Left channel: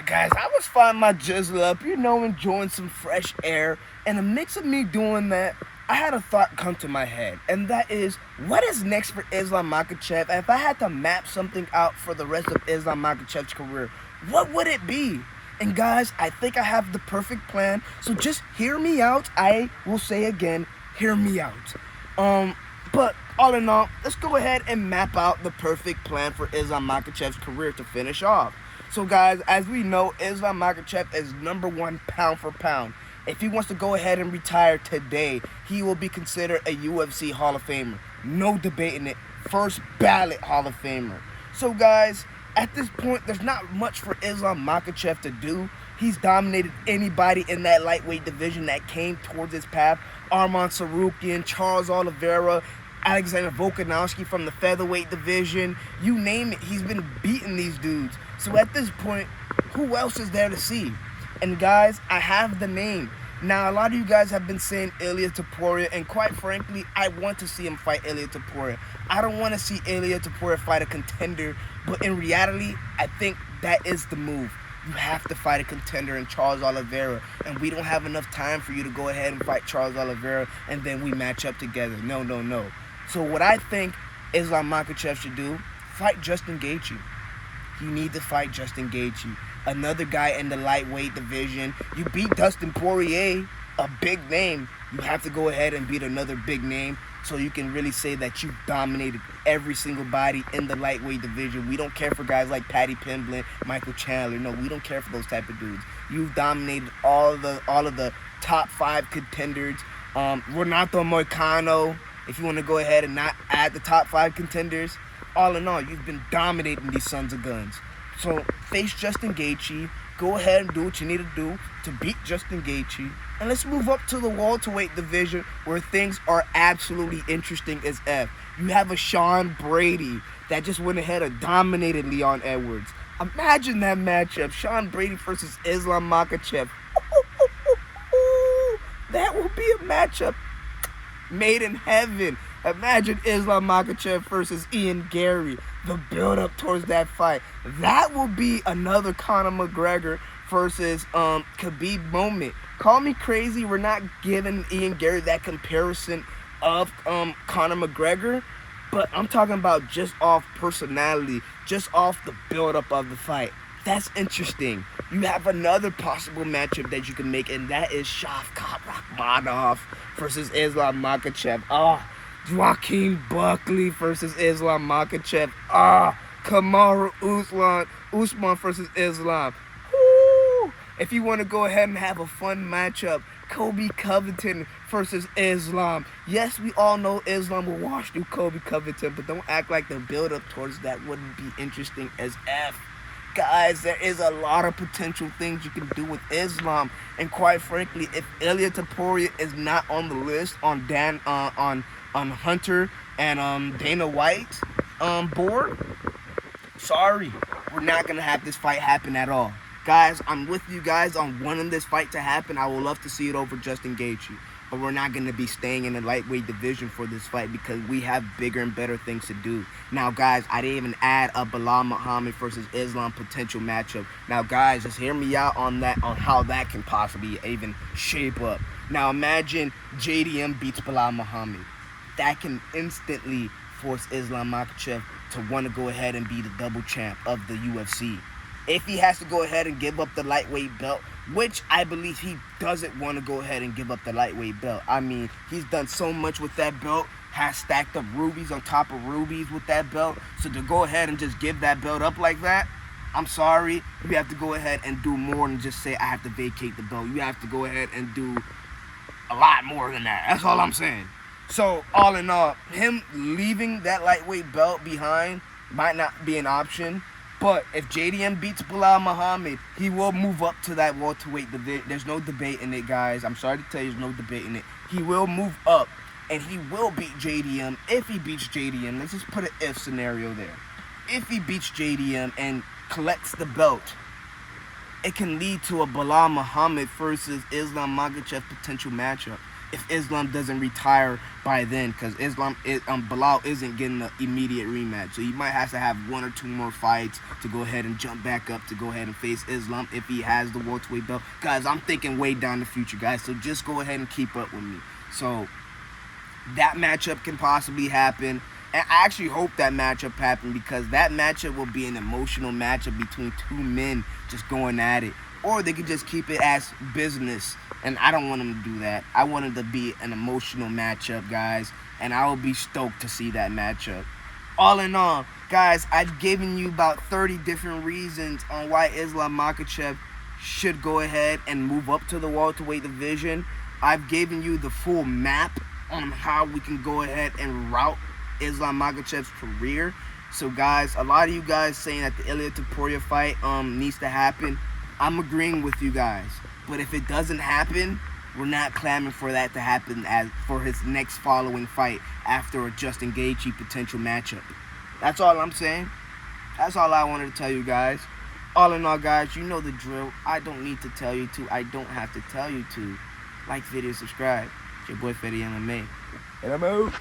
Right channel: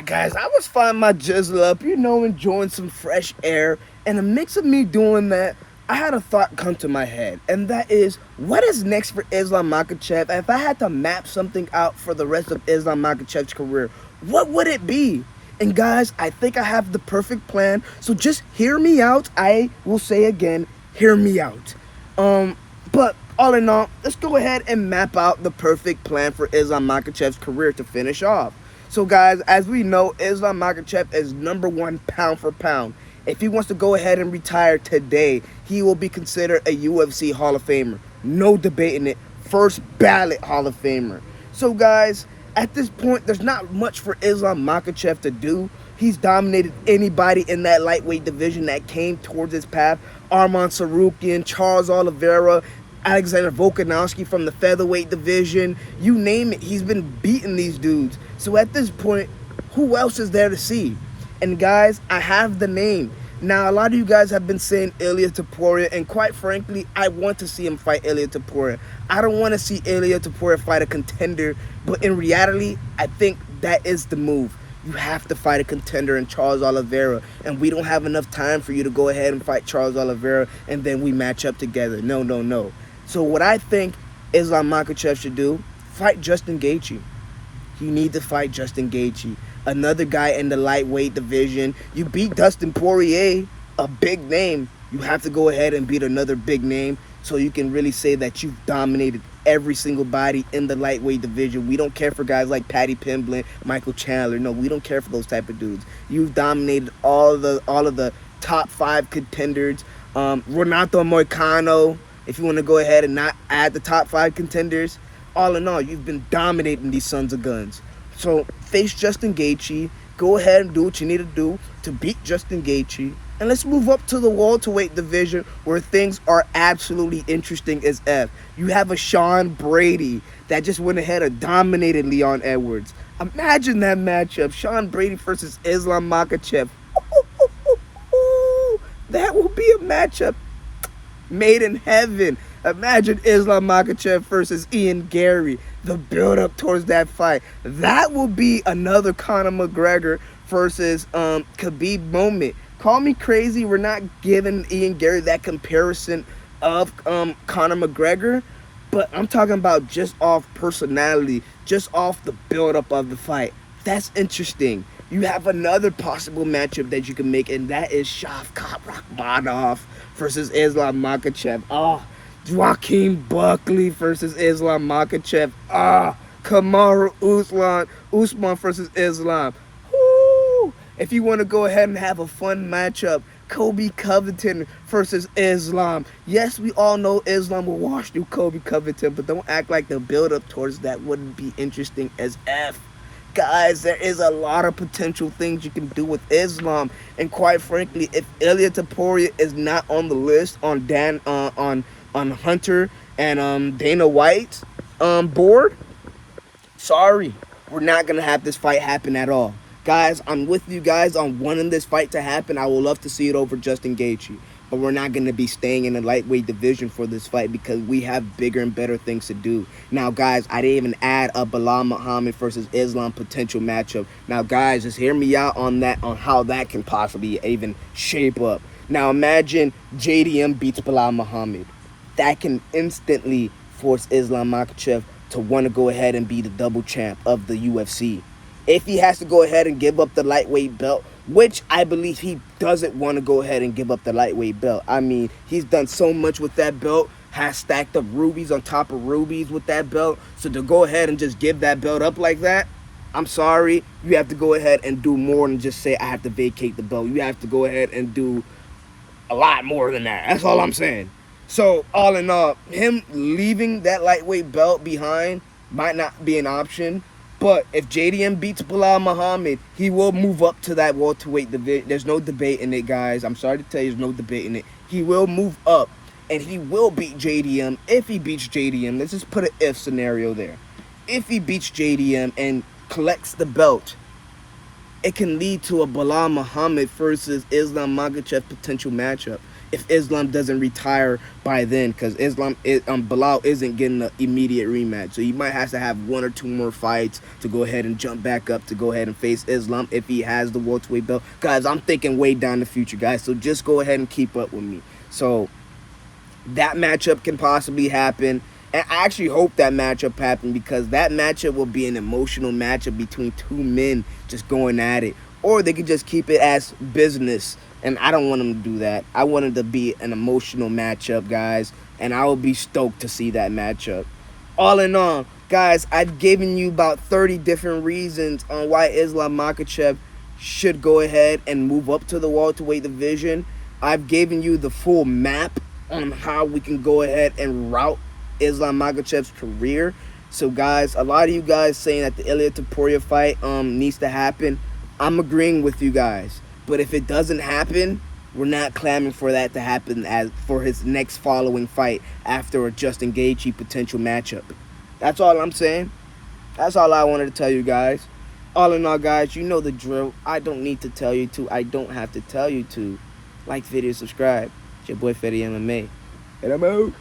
Alright guys, I was finding my jizzle up, enjoying some fresh air. And a mix of me doing that, I had a thought come to my head. And that is, what is next for Islam Makhachev? If I had to map something out for the rest of Islam Makhachev's career, what would it be? And guys, I think I have the perfect plan. So just hear me out. I will say again, hear me out. But all in all, let's go ahead and map out the perfect plan for Islam Makhachev's career to finish off. So guys, as we know, Islam Makhachev is #1 pound for pound. If he wants to go ahead and retire today, he will be considered a UFC Hall of Famer. No debating it. First ballot Hall of Famer. So guys, at this point, there's not much for Islam Makhachev to do. He's dominated anybody in that lightweight division that came towards his path. Arman Tsarukyan, Charles Oliveira, Alexander Volkanovski from the featherweight division. You name it, he's been beating these dudes. So at this point, who else is there to see? And guys, I have the name. Now, a lot of you guys have been saying Ilia Topuria, and quite frankly, I want to see him fight Ilia Topuria. I don't want to see Ilia Topuria fight a contender, but in reality, I think that is the move. You have to fight a contender in Charles Oliveira, and we don't have enough time for you to go ahead and fight Charles Oliveira, and then we match up together. No. So what I think Islam Makhachev should do, fight Justin Gaethje. You need to fight Justin Gaethje, another guy in the lightweight division. You beat Dustin Poirier, a big name. You have to go ahead and beat another big name so you can really say that you've dominated every single body in the lightweight division. We don't care for guys like Paddy Pimblett, Michael Chandler. No, we don't care for those type of dudes. You've dominated all of the top 5 contenders. Renato Moicano, if you want to go ahead and not add the top 5 contenders. All in all, you've been dominating these sons of guns. So face Justin Gaethje. Go ahead and do what you need to do to beat Justin Gaethje. And let's move up to the welterweight division where things are absolutely interesting as F. You have a Sean Brady that just went ahead and dominated Leon Edwards. Imagine that matchup, Sean Brady versus Islam Makhachev. That will be a matchup made in heaven. Imagine Islam Makhachev versus Ian Gary. The build-up towards that fight. That will be another Conor McGregor versus Khabib moment. Call me crazy, we're not giving Ian Gary that comparison of Conor McGregor, but I'm talking about just off personality, just off the build-up of the fight. That's interesting. You have another possible matchup that you can make, and that is Shavkat Rakhmonov versus Islam Makhachev. Joaquin Buckley versus Islam Makhachev. Kamaru Usman versus Islam. Woo! If you want to go ahead and have a fun matchup, Kobe Covington versus Islam. Yes, we all know Islam will wash through Kobe Covington, but don't act like the build-up towards that wouldn't be interesting as F. Guys, there is a lot of potential things you can do with Islam, and quite frankly, if Ilia Topuria is not on the list on Hunter and Dana White's board, sorry, we're not gonna have this fight happen at all. Guys, I'm with you guys on wanting this fight to happen. I would love to see it over Justin Gaethje, but we're not going to be staying in the lightweight division for this fight because we have bigger and better things to do. Now, guys, I didn't even add a Bilal Muhammad versus Islam potential matchup. Now, guys, just hear me out on that, on how that can possibly even shape up. Now, imagine JDM beats Bilal Muhammad. That can instantly force Islam Makhachev to want to go ahead and be the double champ of the UFC. If he has to go ahead and give up the lightweight belt, which I believe he doesn't want to go ahead and give up the lightweight belt. I mean, he's done so much with that belt, has stacked up rubies on top of rubies with that belt. So to go ahead and just give that belt up like that, I'm sorry, you have to go ahead and do more than just say, I have to vacate the belt. You have to go ahead and do a lot more than that. That's all I'm saying. So all in all, him leaving that lightweight belt behind might not be an option. But if JDM beats Bilal Muhammad, he will move up to that welterweight division. There's no debate in it, guys. I'm sorry to tell you, there's no debate in it. He will move up, and he will beat JDM. If he beats JDM, let's just put an if scenario there. If he beats JDM and collects the belt, it can lead to a Bilal Muhammad versus Islam Makhachev potential matchup. if Islam doesn't retire by then, because Bilal isn't getting an immediate rematch, so he might have to have 1 or 2 more fights to go ahead and jump back up to go ahead and face Islam if he has the welterweight belt. Guys, I'm thinking way down the future, guys, so just go ahead and keep up with me. So that matchup can possibly happen, and I actually hope that matchup happens, because that matchup will be an emotional matchup between 2 men just going at it. Or they could just keep it as business, and I don't want them to do that. I want it to be an emotional matchup, guys, and I will be stoked to see that matchup. All in all, guys, I've given you about 30 different reasons on why Islam Makhachev should go ahead and move up to the welterweight division. I've given you the full map on how we can go ahead and route Islam Makhachev's career. So, guys, a lot of you guys saying that the Ilia Topuria fight needs to happen. I'm agreeing with you guys. But if it doesn't happen, we're not clamoring for that to happen as for his next following fight after a Justin Gaethje potential matchup. That's all I'm saying. That's all I wanted to tell you guys. All in all, guys, you know the drill. I don't need to tell you to. I don't have to tell you to. Like, video, subscribe. It's your boy Fetty MMA. And I'm out.